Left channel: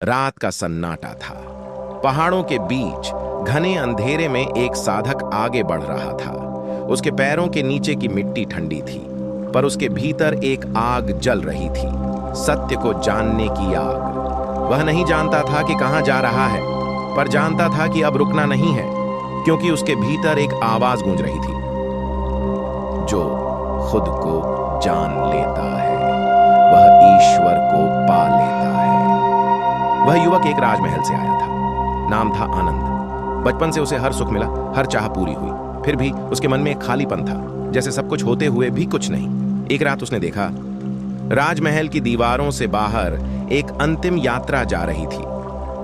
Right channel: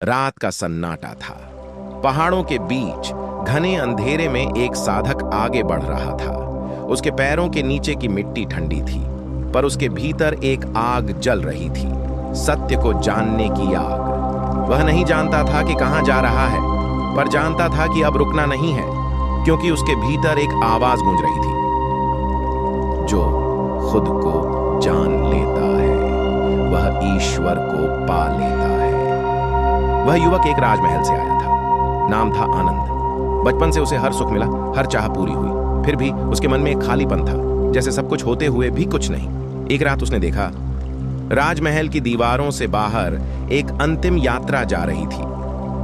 रात का सन्नाटा था। पहाड़ों के बीच घने अंधेरे में एक साधक आगे बढ़ रहा था। उसके पैरों के नीचे की मिट्टी ठंडी थी, पर उसके भीतर एक आग जल रही थी, सत्य को जानने की आग। वह नहीं जानता था कि कहां जा रहा है, पर जानता था कि अब रुकना नहीं है, क्योंकि उसके भीतर एक आवाज गूंज रही थी, जो खुद को जान लेता है वह ईश्वर को पा लेता है। वह युवक एक राजमहल से आया था। नाम था आनंद। बचपन से उसे हर सुख मिला, हर चाह पूरी हुई। फिर भी उसके मन में एक खालीपन था, जैसे सब कुछ होते हुए भी कुछ नहीं। एक रात उसने देखा, राजमहल की दीवारों से बाहर एक अंतिम यात्रा जा रही थी।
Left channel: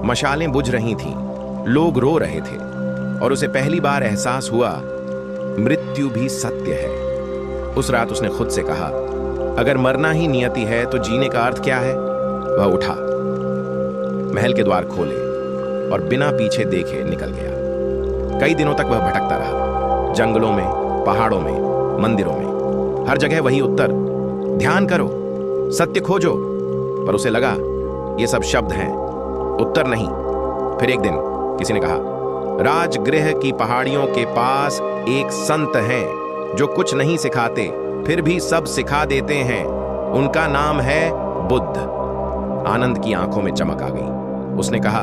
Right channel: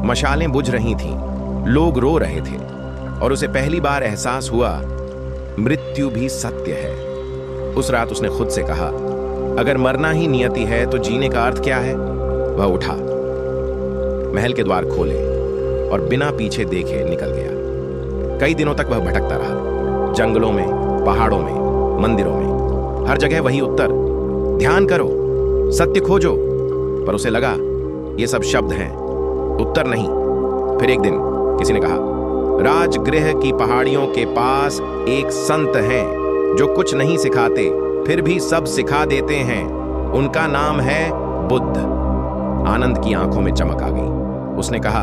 मशालें बुझ रही थीं, लोग रो रहे थे, और उसे पहली बार एहसास हुआ, मृत्यु भी सत्य है। उस रात उसने खुद से कहा, अगर मरना ही नियति है तो जीने का अर्थ क्या है? वह उठा, महल के द्वार खोले और बिना पीछे देखे निकल गया। कई दिनों तक वह भटकता रहा, जंगलों में, पहाड़ों में, मंदिरों में। हर जगह वही उत्तर, ध्यान करो, सत्य खोजो। पर उसे लगा ये सब शब्द हैं, उत्तर नहीं। फिर एक दिन किसी ने कहा, राजगृह की पहाड़ियों के पास एक संत हैं जो कुछ नहीं सिखाते, फिर भी सब सिखा देते हैं। उनका नाम है बुद्ध। आनंद की आंखों में चमक आ गई। उसने कहा,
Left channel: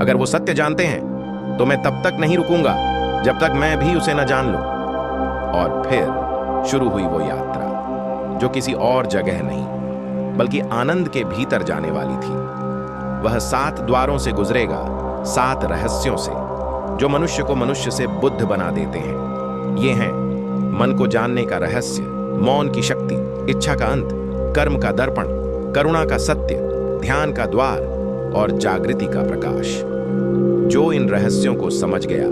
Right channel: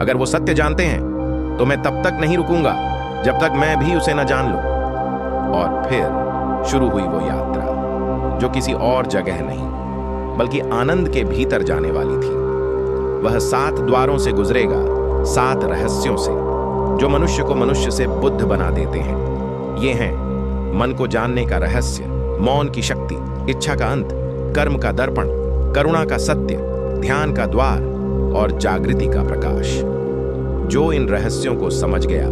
अगर वो सत्य जानते हैं तो मैं तब तक नहीं रुकूंगा जब तक मैं भी उसे न जान लूं। और फिर शुरू हुई वो यात्रा, जो किसी और जगह नहीं बल्कि आनंद के भीतर जाने वाली थी। वह 7 द्वारों से गुजरेगा, 7 रहस्यों से, जो मनुष्य को मनुष्य से बुद्ध बना देते हैं। ये हैं मन को जानने का रहस्य, मौन की शक्ति, इच्छा का अंत, कर्म का दर्पण, करुणा का सत्य, ध्यान का द्वार और जागृति का प्रकाश। जो इन रहस्यों को समझ गया,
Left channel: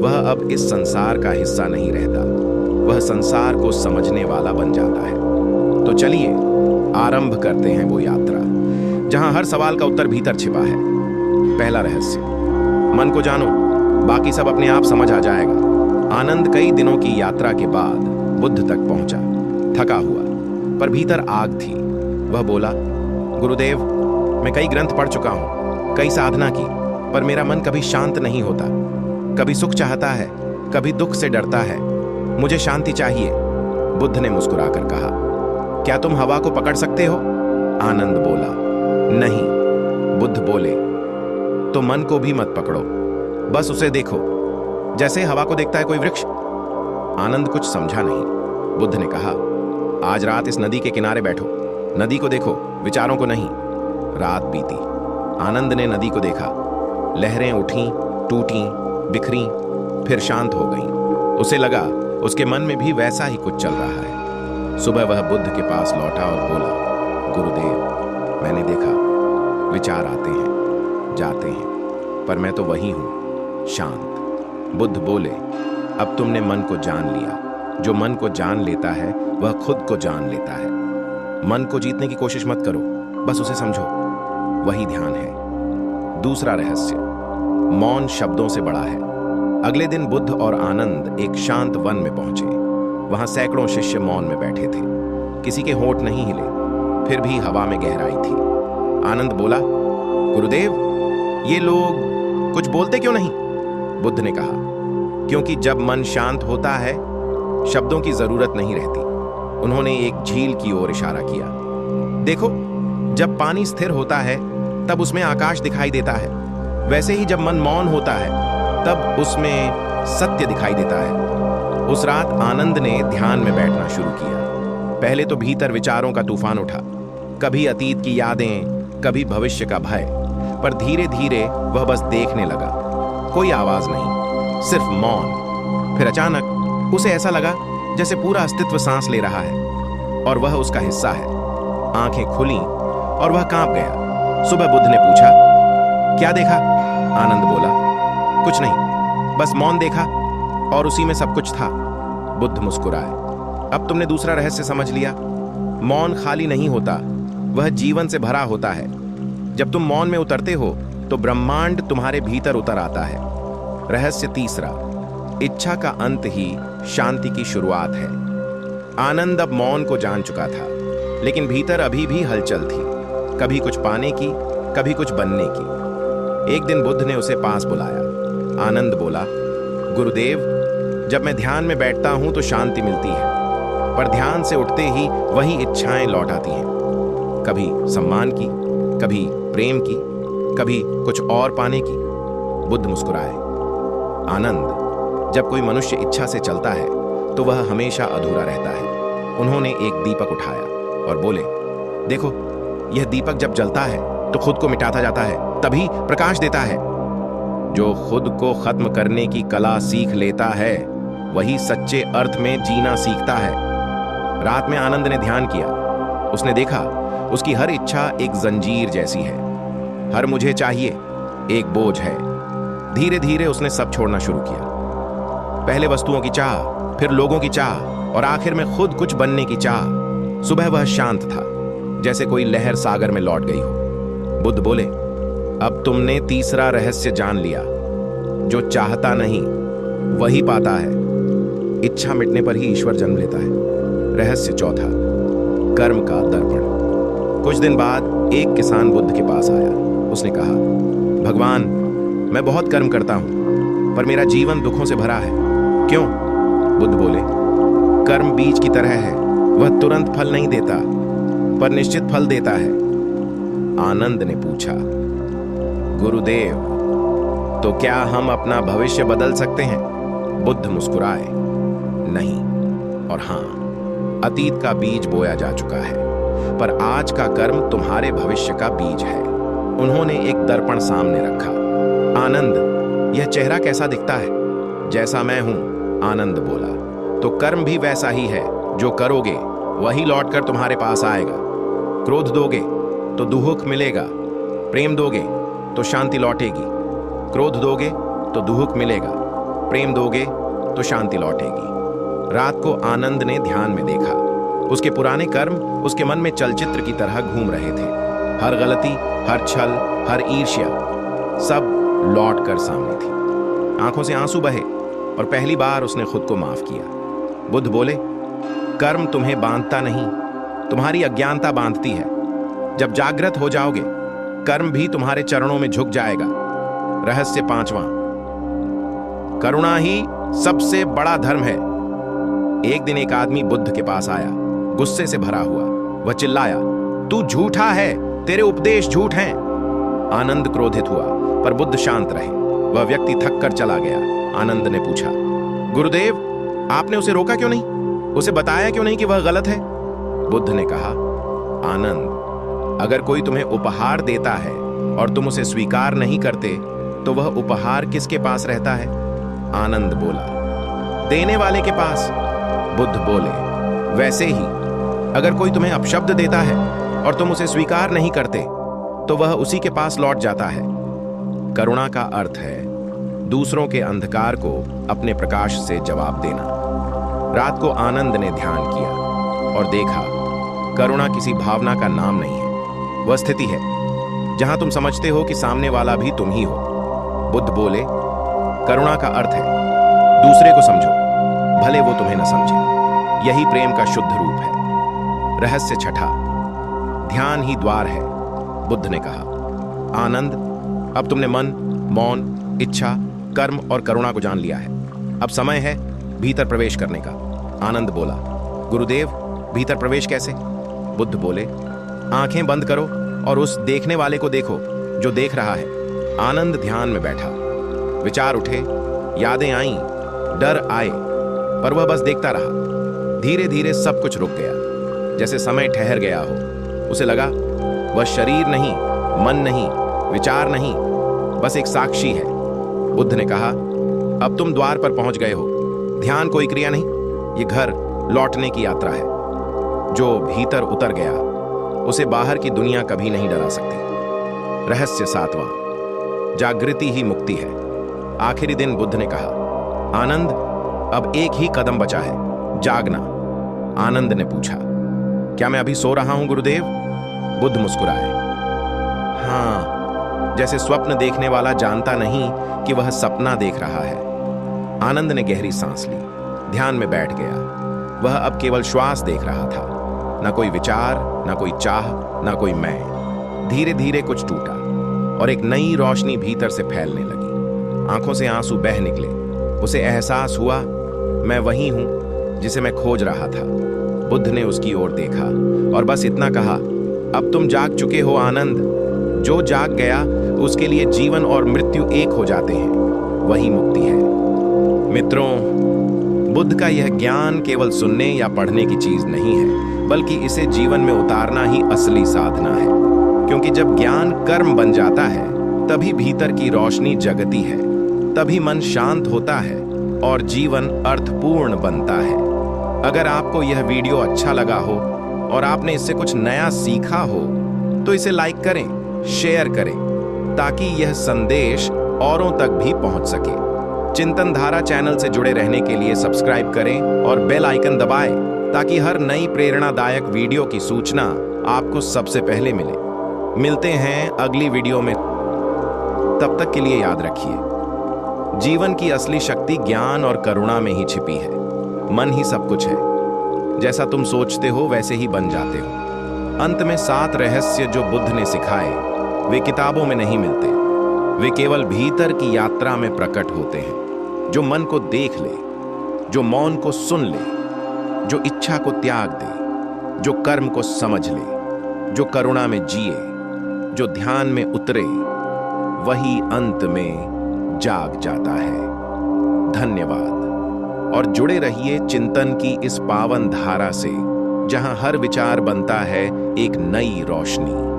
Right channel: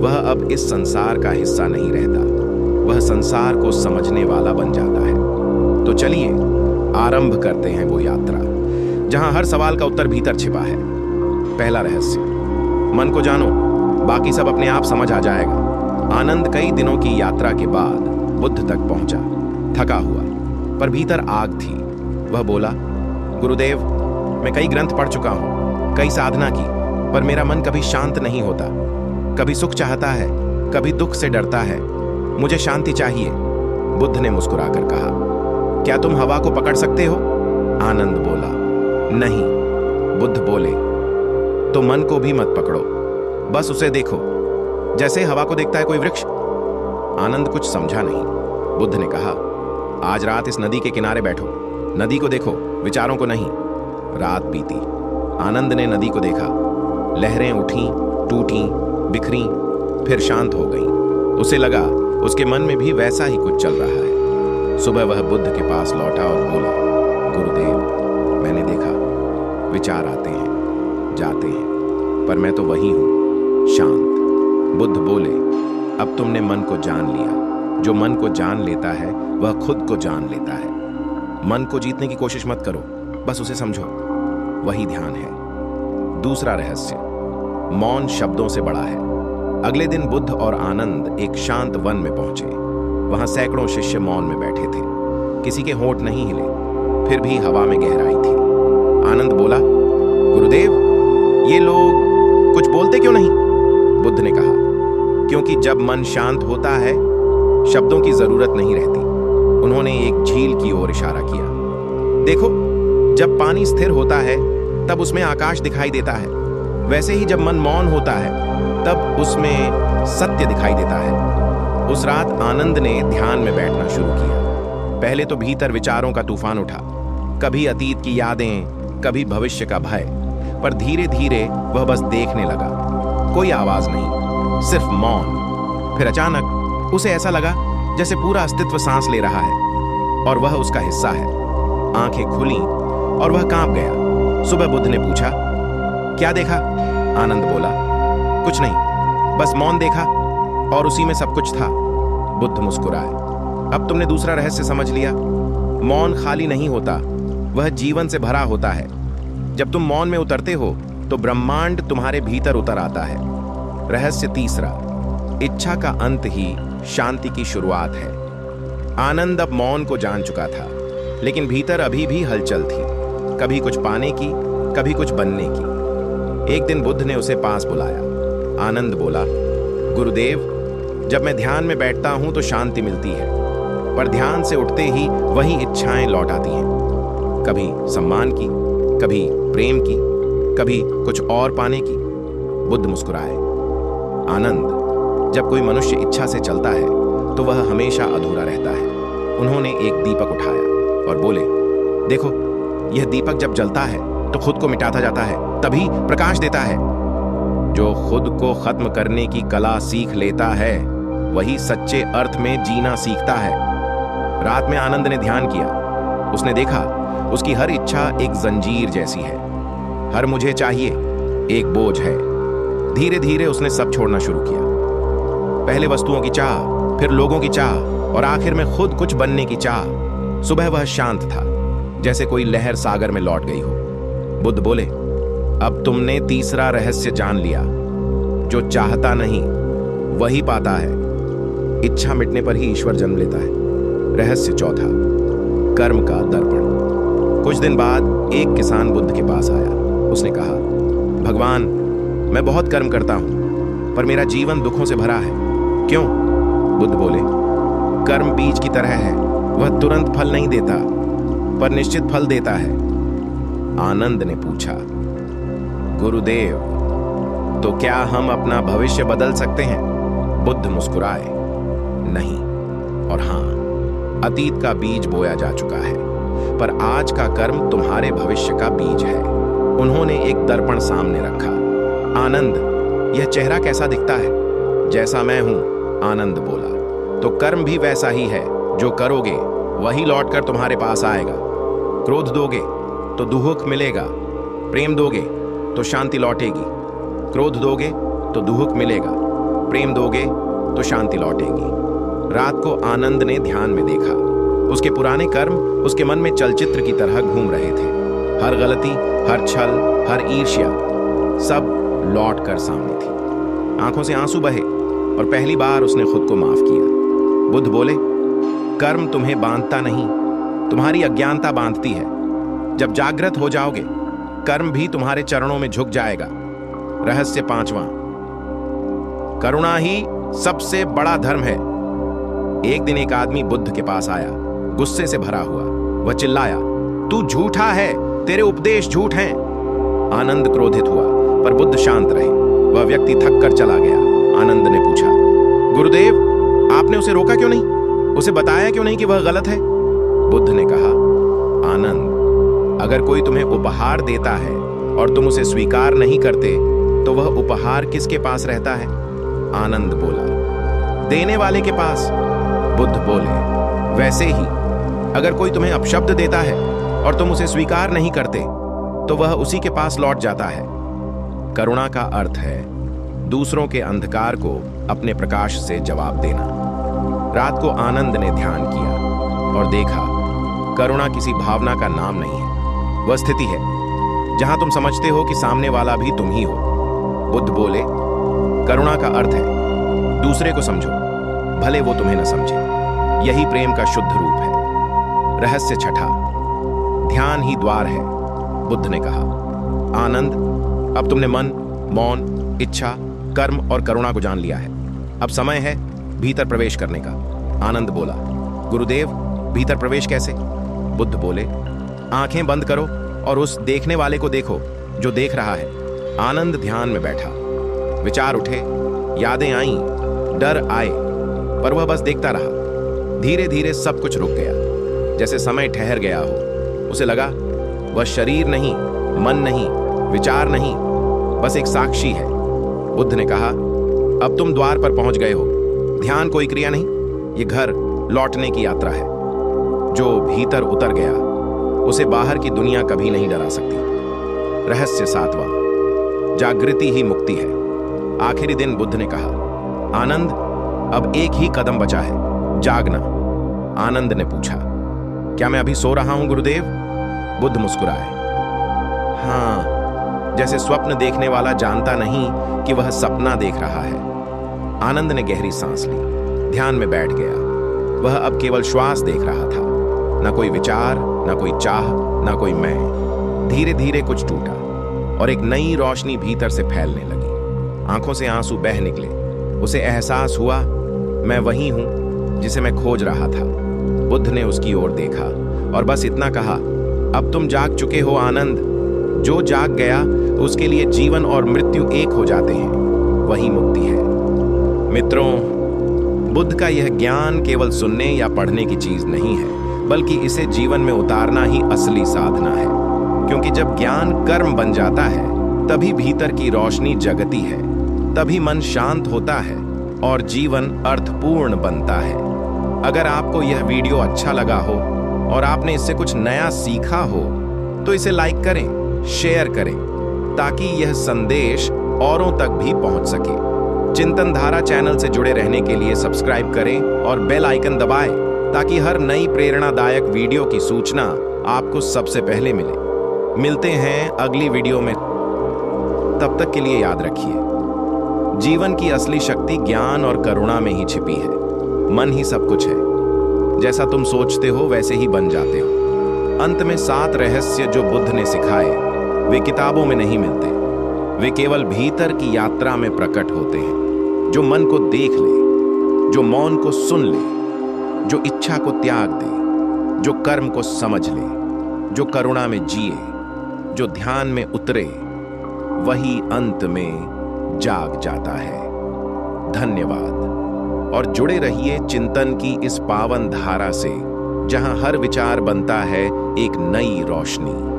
वह अब इस संसार का हिस्सा नहीं रहता, वह संसार को समझने वाला बन जाता है। तो चलिए आरंभ करते हैं वो यात्रा, जहां हर सवाल का उत्तर भीतर छिपा है। पहला रहस्य, मन को जानो, बाकी सब अपने आप समझ आ जाएगा। आनंद कई दिनों की यात्रा के बाद बुद्ध तक पहुंचा, थका हुआ, पर भीतर आग थी। वह बोला, गुरुदेव, मैं कई ग्रंथ पढ़ चुका हूं, कई साधना की, पर मेरा मन कभी शांत नहीं होता। कभी सुख चाहता है, कभी दुख से डरता है। मुझे शांति चाहिए। बुद्ध ने मुस्कुराकर कहा, क्या तुम हवा को पकड़ सकते हो? आनंद बोला, नहीं। बुद्ध बोले, तो मन को भी मत पकड़ो, बस उसे देखो, जैसे हवा को देखता है कोई वृक्ष। आनंद कुछ समझा नहीं। बुद्ध ने कहा, आज रात इस नदी के किनारे बैठो, नदी को देखो, विचारों को नहीं। रात बीती। आनंद ने नदी को देखा। लहरें उठीं, टूटीं, बिखरीं, फिर शांत हो गईं। उसे लगा उसके मन में भी वैसा ही कुछ चल रहा है। सुबह वह बुद्ध के पास लौटा और बोला, गुरुदेव, मैंने देखा, विचार आते हैं, जाते हैं, पर मैं तो वही हूं, शांत। बुद्ध बोले, अब तुमने मन को जान लिया। जो मन को जान लेता है वह खुद को जान लेता है। मन को जीतने की कोशिश मत करो, बस उसे समझो, वही ध्यान है। दूसरा रहस्य, मौन शब्दों से बड़ा है। अगले दिन बुद्ध और आनंद एक शांत वन में पहुंचे। वहां सैकड़ों शिष्य मौन में बैठे थे, किसी के होंठ नहीं हिले, फिर भी हवा में गहराई थी। आनंद बोला, गुरुदेव, ये लोग कुछ बोलते क्यों नहीं? बुद्ध ने कहा, क्योंकि जब मन शांत होता है, शब्दों की जरूरत नहीं रहती। उन्होंने एक झील की ओर इशारा किया। देखो, जब पानी स्थिर होता है तब उसमें आकाश दिखाई देता है, वैसे ही जब मन मौन होता है तब उसमें सत्य दिखाई देता है। उस रात आनंद ने ध्यान में बैठना शुरू किया। पहले तो भीतर विचारों का तूफान उठा, कभी अतीत की यादें, कभी भविष्य का भय, पर धीरे धीरे वह बस देखने लगा। कोई आवाज नहीं, सिर्फ मौन। फिर अचानक उसे ऐसा लगा जैसे पूरा अस्तित्व सांस ले रहा है और वह उसका हिस्सा है। आंखें खुली और वह कांप गया। सुबह बुद्ध ने पूछा, क्या देखा? आनंद बोला, कुछ नहीं, बस मौन देखा और उसी में सब कुछ था। बुद्ध मुस्कुराए, अब तुमने दूसरा रहस्य समझ लिया। मौन खाली नहीं होता, वह जीवन से भरा होता है। जब तुम मौन में उतरते हो तो ब्रह्मांड तुम्हारे भीतर उतर आता है। रहस्य तीसरा, इच्छा का अंत ही शांति की शुरुआत है। आनंद अब मौन को जान चुका था, लेकिन भीतर अभी भी हलचल थी, कभी कुछ पाने की, कभी कुछ बनने की। एक दिन बुद्ध ने उसे पास बुलाया। आनंद बोला, गुरुदेव, जब मैं ध्यान में बैठता हूं तो शांति मिलती है, पर ध्यान से उठते ही वही इच्छाएं लौट आती हैं। कभी सम्मान की, कभी प्रेम की, कभी कुछ और पाने की। बुद्ध मुस्कुराए। आनंद, जब कोई मनुष्य इच्छा से चलता है तो वह हमेशा अधूरा रहता है। उन्होंने एक दीपक उठाया और बोले, देखो, यह दीपक जब जलता है तो खुद को मिटाता जाता है, तभी प्रकाश देता है। जो खुद को खत्म करने की कला सीख लेता है वही सच्चे अर्थ में जीना सीखता है। रात में आनंद ने ध्यान किया। उसने देखा उसकी हर इच्छा एक जंजीर जैसी है। हर मुझे चाहिए एक बोझ है। धीरे धीरे उसने सब छोड़ना शुरू किया। पहले वस्तुओं की चाह, फिर लोगों की चाह और आखिर में खुद कुछ बनने की चाह। सुबह वह शांत था, जैसे कोई लहर सागर में लौट गई हो। बुद्ध बोले, अब तुमने तीसरा रहस्य जान लिया। जो चाहता नहीं वही पाता है। इच्छा मिटने पर ही ईश्वर जन्म लेता है। रहस्य चौथा, कर्म का दर्पण। कुछ दिन बाद एक किसान बुद्ध के पास आया। उसने कहा, भगवान, मैं बहुत कर्म करता हूं, पर मेरा जीवन दुखों से भरा है। क्यों? बुद्ध बोले, कर्म बीज की तरह है। वह तुरंत फल नहीं देता, पर निश्चित फल देता है। आनंद ने पूछा, गुरुदेव, तो क्या हम अपना भविष्य बदल सकते हैं? बुद्ध मुस्कुराए, नहीं और हां, अतीत का बीज बोया जा चुका है, पर आज का कर्म तुम्हारे भविष्य का बीज है। उन्होंने एक दर्पण सामने रखा। आनंद, यह चेहरा कैसा दिखता है? जैसा मैं हूं, आनंद बोला। तो कर्म भी वैसा ही है। जो करोगे वही लौटकर तुम्हारे पास आएगा। क्रोध दोगे तो दुहुक मिलेगा, प्रेम दोगे तो शांति लौटेगी। क्रोध दोगे तो दुहुक मिलेगा, प्रेम दोगे तो शांति लौटेगी। रात को आनंद ने ध्यान में देखा। उसके पुराने कर्म उसके मन में चलचित्र की तरह घूम रहे थे। हर गलती, हर छल, हर ईर्ष्या, सब लौट कर सामने थी। आंखों से आंसू बहे और पहली बार उसने खुद को माफ किया। बुद्ध बोले, कर्म तुम्हें बांधता नहीं, तुम्हारी अज्ञानता बांधती है। जब जागृत हो जाओगे, कर्म भी तुम्हारे चरणों में झुक जाएगा। रहस्य पांचवां, करुणा ही सबसे बड़ा धर्म है। एक दिन एक आदमी बुद्ध के पास आया, गुस्से से भरा हुआ। वह चिल्लाया, तू झूठा है, तेरे उपदेश झूठ हैं। आनंद क्रोधित हुआ, पर बुद्ध शांत रहे। वह व्यक्ति थक कर चला गया। आनंद ने पूछा, गुरुदेव, आपने उसे रोका क्यों नहीं? उसे बताया क्यों नहीं कि वह गलत है? बुद्ध ने कहा, आनंद, अगर कोई तुम्हें उपहार देता है और तुम उसे स्वीकार नहीं करते तो वह उपहार किसके पास रहता है? आनंद बोला, देने वाले के पास। बुद्ध बोले, वैसे ही अगर कोई तुम्हें अपशब्द देता है और तुम उसे स्वीकार नहीं करते तो वह उसी के पास लौट जाता है। करुणा का अर्थ है दूसरों के अंधकार को अपने प्रकाश से जवाब देना। रात को आनंद ने ध्यान किया और देखा, करुणा किसी भावना का नाम नहीं है। वह स्थिति है जहां तुम समझते हो कि सामने वाला भी तुम ही हो। बुद्ध बोले, करुणा का अर्थ है दूसरे को समझो, भले वो तुम्हें न समझे। यही प्रेम का शुद्ध रूप है। रहस्य छठा, ध्यान ही द्वार है। बुद्ध ने कहा, आनंद, अब तुमने मन, मौन, इच्छा, कर्म और करुणा को जान लिया है। अब समय है भीतर प्रवेश करने का। आनंद बोला, गुरुदेव, भीतर प्रवेश कैसे? बुद्ध बोले, आंखें बंद करो और उस देखने वाले को देखो जो देख रहा है। आनंद ध्यान में बैठा। विचार उठे, यादें आईं, डर आए, पर वह बस देखता रहा। धीरे धीरे सब कुछ रुक गया, जैसे समय ठहर गया हो। उसे लगा वह शरीर नहीं, मन नहीं, विचार नहीं, बस एक साक्षी है। बुद्ध ने कहा, अब तुम द्वार पर पहुंच गए हो। ध्यान कोई क्रिया नहीं, ये घर लौटने की यात्रा है। जो भीतर उतर गया उसे बाहर की दुनिया कभी नहीं डरा सकती। रहस्य सातवां, जागृति ही मुक्ति है। आखिरी दिन बुद्ध ने कहा, आनंद, अब एक ही कदम बचा है, जागना। आनंद ने पूछा, क्या मैं अभी सो रहा हूं गुरुदेव? बुद्ध मुस्कुराए, हां, जैसे स्वप्न देखने वाला जानता नहीं कि वह सपना देख रहा है। आनंद ने गहरी सांस ली, ध्यान में बैठ गया। वह अब केवल श्वास देख रहा था, ना कोई विचार, ना कोई चाह, ना कोई मैं। धीरे धीरे कुछ टूटा, और एक नई रोशनी भीतर से फैलने लगी। आंखों से आंसू बह निकले। उसे एहसास हुआ, मैं वही हूं जिसे मैं खोज रहा था। बुद्ध ने उसकी ओर देखा और बस इतना कहा, अब तुम जाग चुके हो आनंद। जो जाग गया उसके लिए जीवन और मृत्यु एक हो जाते हैं, वही मुक्ति है। मित्रों, बुद्ध का यह ज्ञान केवल सुनने या पढ़ने की चीज नहीं है, बल्कि इसे जीवन में उतारना ही असली साधना है। क्योंकि जब ज्ञान कर्म बन जाता है, तभी भीतर की रोशनी जगती है, तभी मन शांत होता है और जीवन अर्थपूर्ण बनता है। अगर आपको यह वीडियो अच्छा लगा हो और आपने इससे कुछ नया सीखा हो, तो इसे लाइक करें, शेयर करें, ताकि यह संदेश औरों तक भी पहुंच सके। चिंतन धारा चैनल से जुड़े रहने के लिए सब्सक्राइब करें और बेल आइकन दबाएं, ताकि हर नई प्रेरणादायक वीडियो की सूचना आपको सबसे पहले मिले। मिलते हैं अगली वीडियो में। तब तक के लिए याद रखिए, जीवन की असली शक्ति ज्ञान और करुणा में ही छिपी है। मन ही सब कुछ है। जैसा तुम सोचते हो वैसे ही बन जाते हो। अंत में 7 रहस्य जो बुद्ध ने सिखाए, वे किताबों में नहीं मिलते। वे केवल भीतर की यात्रा में प्रकट होते हैं। जो मन को देख ले, जो मौन को सुन ले, जो इच्छा को त्याग दे, जो कर्म को समझ ले, जो करुणा में जिए, जो ध्यान में उतरे, वही अंत में जाग जाता है। धन्यवाद। और जुड़े रहिए चिंतन की इस पावन धारा से, जहां हर विचार बनता है एक नई रोशनी।